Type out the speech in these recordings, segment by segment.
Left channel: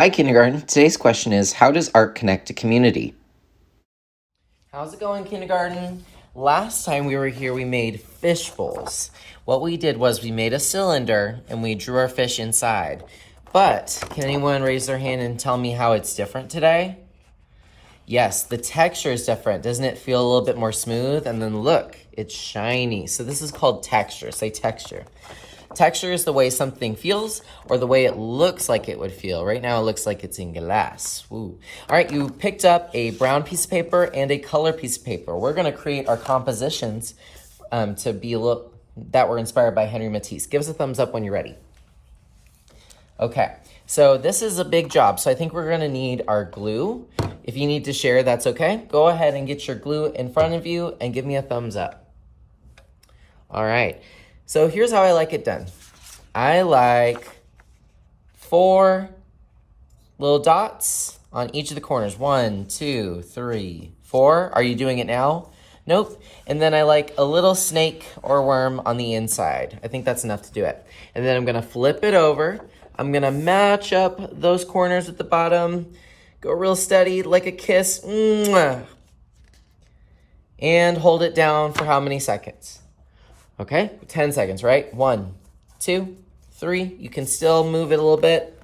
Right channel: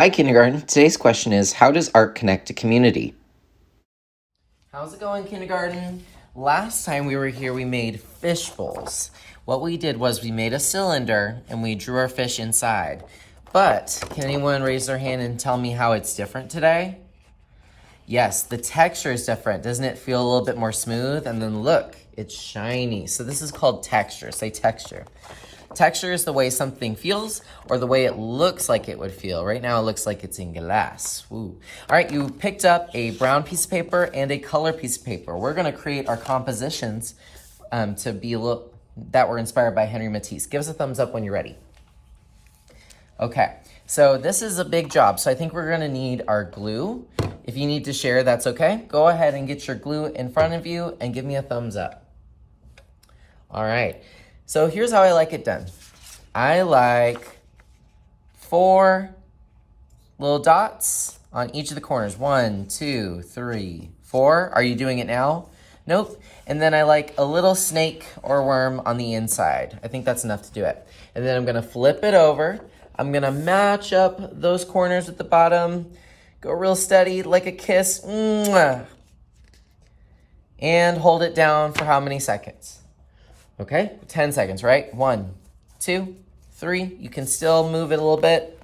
Hi, kindergarten. Today's question is, how does art connect to community? How's it going, kindergarten? Last time we were here, we made fish bowls. What we did was we made a cylinder and we drew our fish inside. But can anyone raise their hand and tell me how it's different today? Yes, the texture is different. Doesn't it feel a little bit more smooth? And then look, it's shiny. So this is called texture. Say texture. Texture is the way something feels or the way it looks like it would feel. Right now it looks like it's in glass. Ooh. All right, you picked up a brown piece of paper and a color piece of paper. We're gonna create our compositions to be that were inspired by Henry Matisse. Give us a thumbs up when you're ready. Okay, so this is a big job. So I think we're gonna need our glue. If you need to share, that's okay. Go ahead and get your glue in front of you and give me a thumbs up. All right. So here's how I like it done. I like 4 little dots on each of the corners. 1, 2, 3, 4. Are you doing it now? Nope. And then I like a little snake or worm on the inside. I think that's enough to do it. And then I'm gonna flip it over. I'm gonna match up those corners at the bottom. Go real steady, like a kiss. Mwah. And hold it down for how many seconds? Okay, 10 seconds, right? 1, 2, 3. You can still move it a little bit.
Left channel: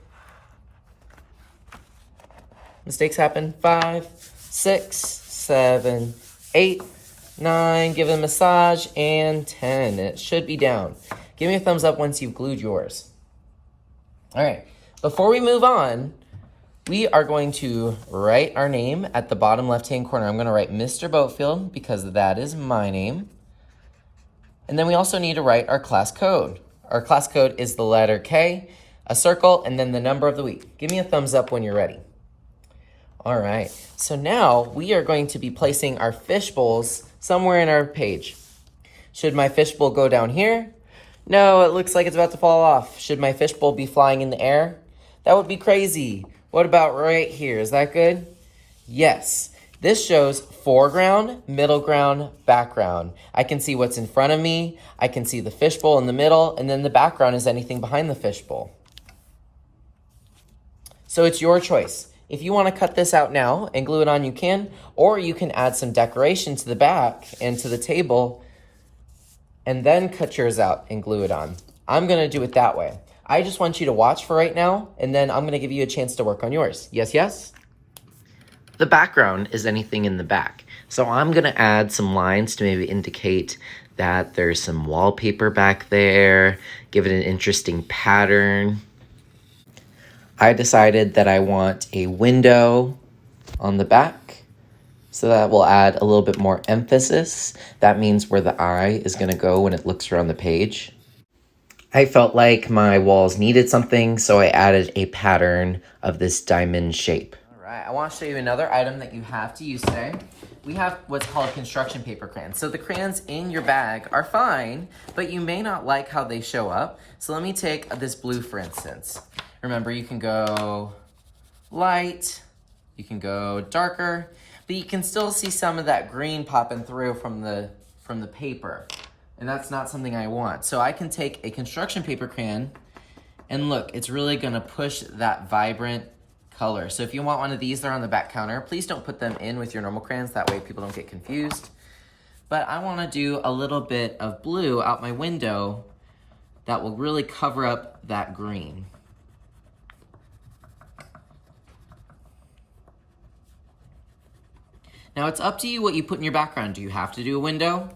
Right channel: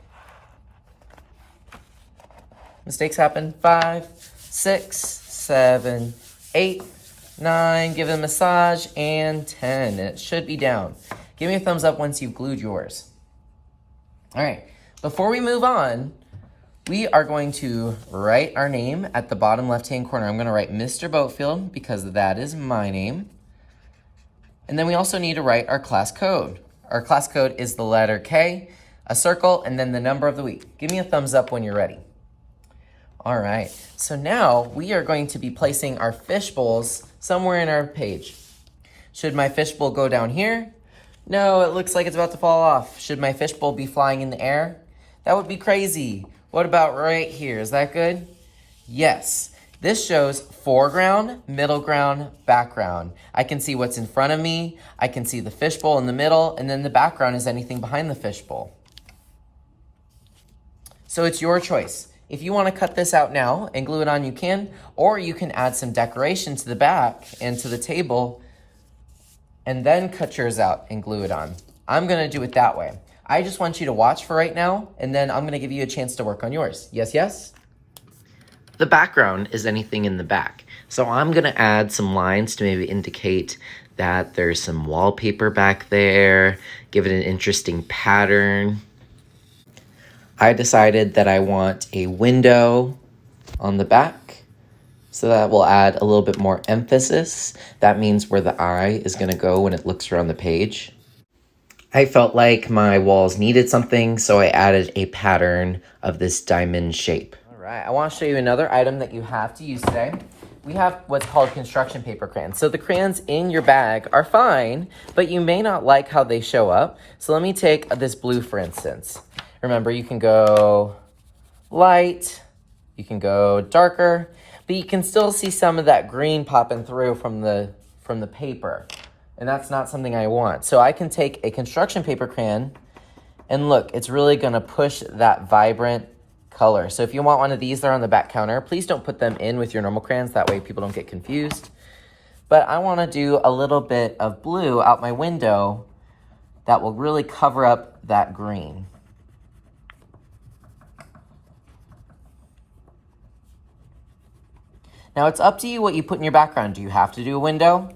Mistakes happen. 5, 6, 7, 8, 9. Give it a massage. And 10. It should be down. Give me a thumbs up once you've glued yours. All right, before we move on, we are going to write our name at the bottom left-hand corner. I'm going to write Mr. Boatfield because that is my name. And then we also need to write our class code. Our class code is the letter K, a circle, and then the number of the week. Give me a thumbs up when you're ready. All right, so now we are going to be placing our fish bowls somewhere in our page. Should my fish bowl go down here? No, it looks like it's about to fall off. Should my fish bowl be flying in the air? That would be crazy. What about right here? Is that good? Yes. This shows foreground, middle ground, background. I can see what's in front of me. I can see the fishbowl in the middle, and then the background is anything behind the fishbowl. So it's your choice. If you want to cut this out now and glue it on, you can, or you can add some decoration to the back and to the table and then cut yours out and glue it on. I'm going to do it that way. I just want you to watch for right now, and then I'm going to give you a chance to work on yours. Yes, yes? The background is anything in the back. So I'm gonna add some lines to maybe indicate that there's some wallpaper back there, give it an interesting pattern. I decided that I want a window on the back, so that will add a little bit more emphasis. That means where the eye is gonna go when it looks around the page. I felt like my walls needed something, so I added a pattern of this diamond shape. I want to show you another item that you have to use today. We have what's called construction paper crayons. So the crayons in your bag are fine, but you may not like how they show up. So let me take this blue, for instance. Remember, you can go light, you can go darker, but you can still see some of that green popping through from the paper. And that's not something I want. So I can take a construction paper crayon, and look, it's really gonna push that vibrant color. So if you want one of these, they're on the back counter. Please don't put them in with your normal crayons. That way people don't get confused. But I want to do a little bit of blue out my window that will really cover up that green. Now it's up to you what you put in your background. Do you have to do a window?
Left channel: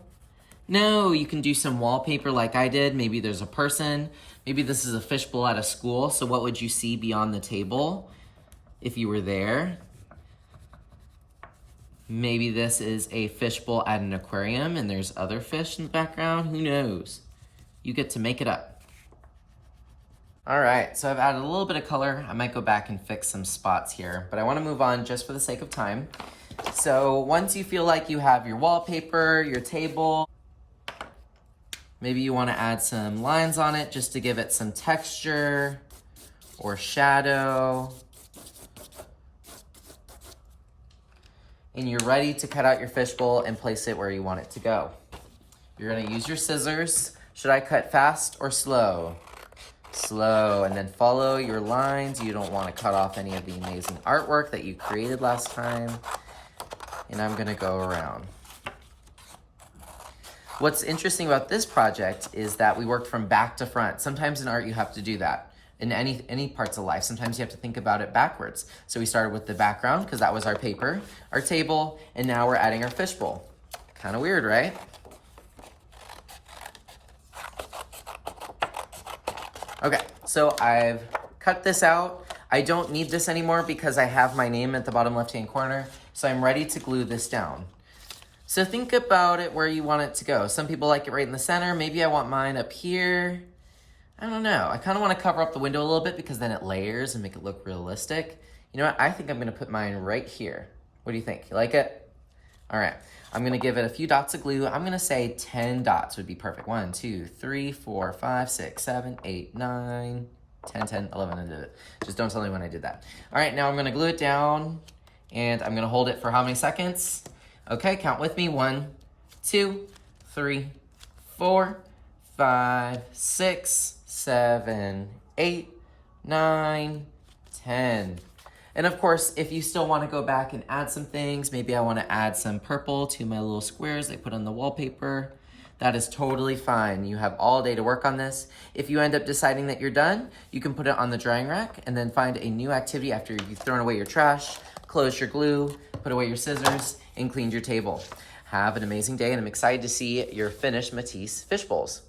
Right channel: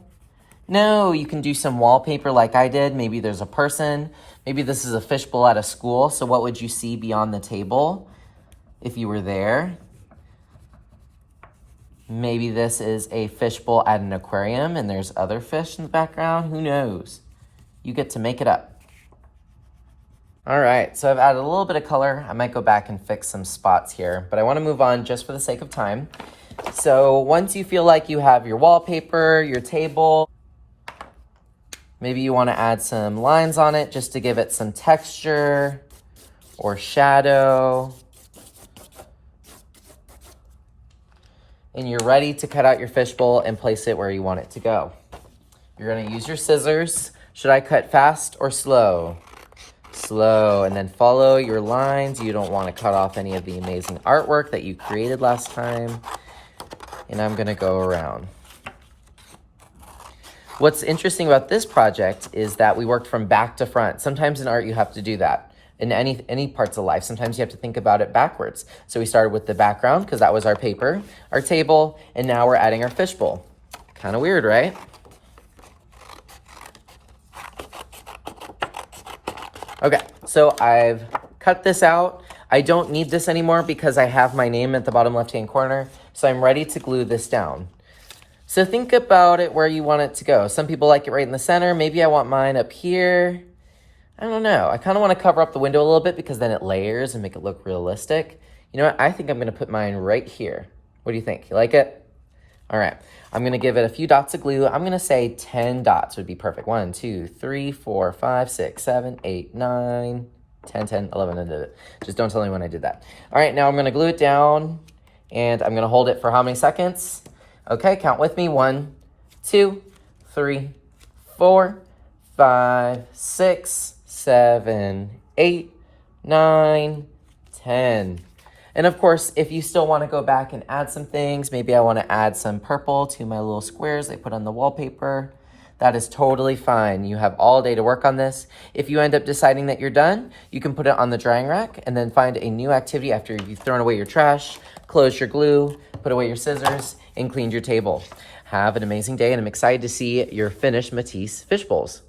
No, you can do some wallpaper like I did. Maybe there's a person. Maybe this is a fishbowl at a school. So what would you see beyond the table? If you were there, maybe this is a fishbowl at an aquarium and there's other fish in the background. Who knows? You get to make it up. All right, so I've added a little bit of color. I might go back and fix some spots here, but I want to move on just for the sake of time. So once you feel like you have your wallpaper, your table, maybe you want to add some lines on it just to give it some texture or shadow. And you're ready to cut out your fishbowl and place it where you want it to go. You're gonna use your scissors. Should I cut fast or slow? slow, and then follow your lines. You don't want to cut off any of the amazing artwork that you created last time. And I'm gonna go around. What's interesting about this project is that we worked from back to front. Sometimes in art you have to do that. In any parts of life, sometimes you have to think about it backwards. So we started with the background because that was our paper, our table, and now we're adding our fishbowl. Kind of weird, right? Okay, so I've cut this out. I don't need this anymore because I have my name at the bottom left-hand corner, so I'm ready to glue this down. So think about it where you want it to go. Some people like it right in the center. Maybe I want mine up here. I don't know. I kind of want to cover up the window a little bit because then it layers and make it look realistic. You know what? I think I'm going to put mine right here. What do you think? You like it? All right. I'm going to give it a few dots of glue. I'm going to say 10 dots would be perfect. 1, 2, 3, 4, 5, 6, 7, 8, 9, 10, 10, 11. I did it. Just don't tell anyone I did that. All right. Now I'm going to glue it down and I'm going to hold it for how many seconds? Okay. Count with me. 1, 2, 3, 4, 5, 6, 7, 8, 9, 10. And of course, if you still want to go back and add some things, maybe I want to add some purple to my little squares I put on the wallpaper. That is totally fine. You have all day to work on this. If you end up deciding that you're done, you can put it on the drying rack and then find a new activity after you've thrown away your trash, closed your glue, put away your scissors, and cleaned your table. Have an amazing day, and I'm excited to see your finished Matisse fish bowls.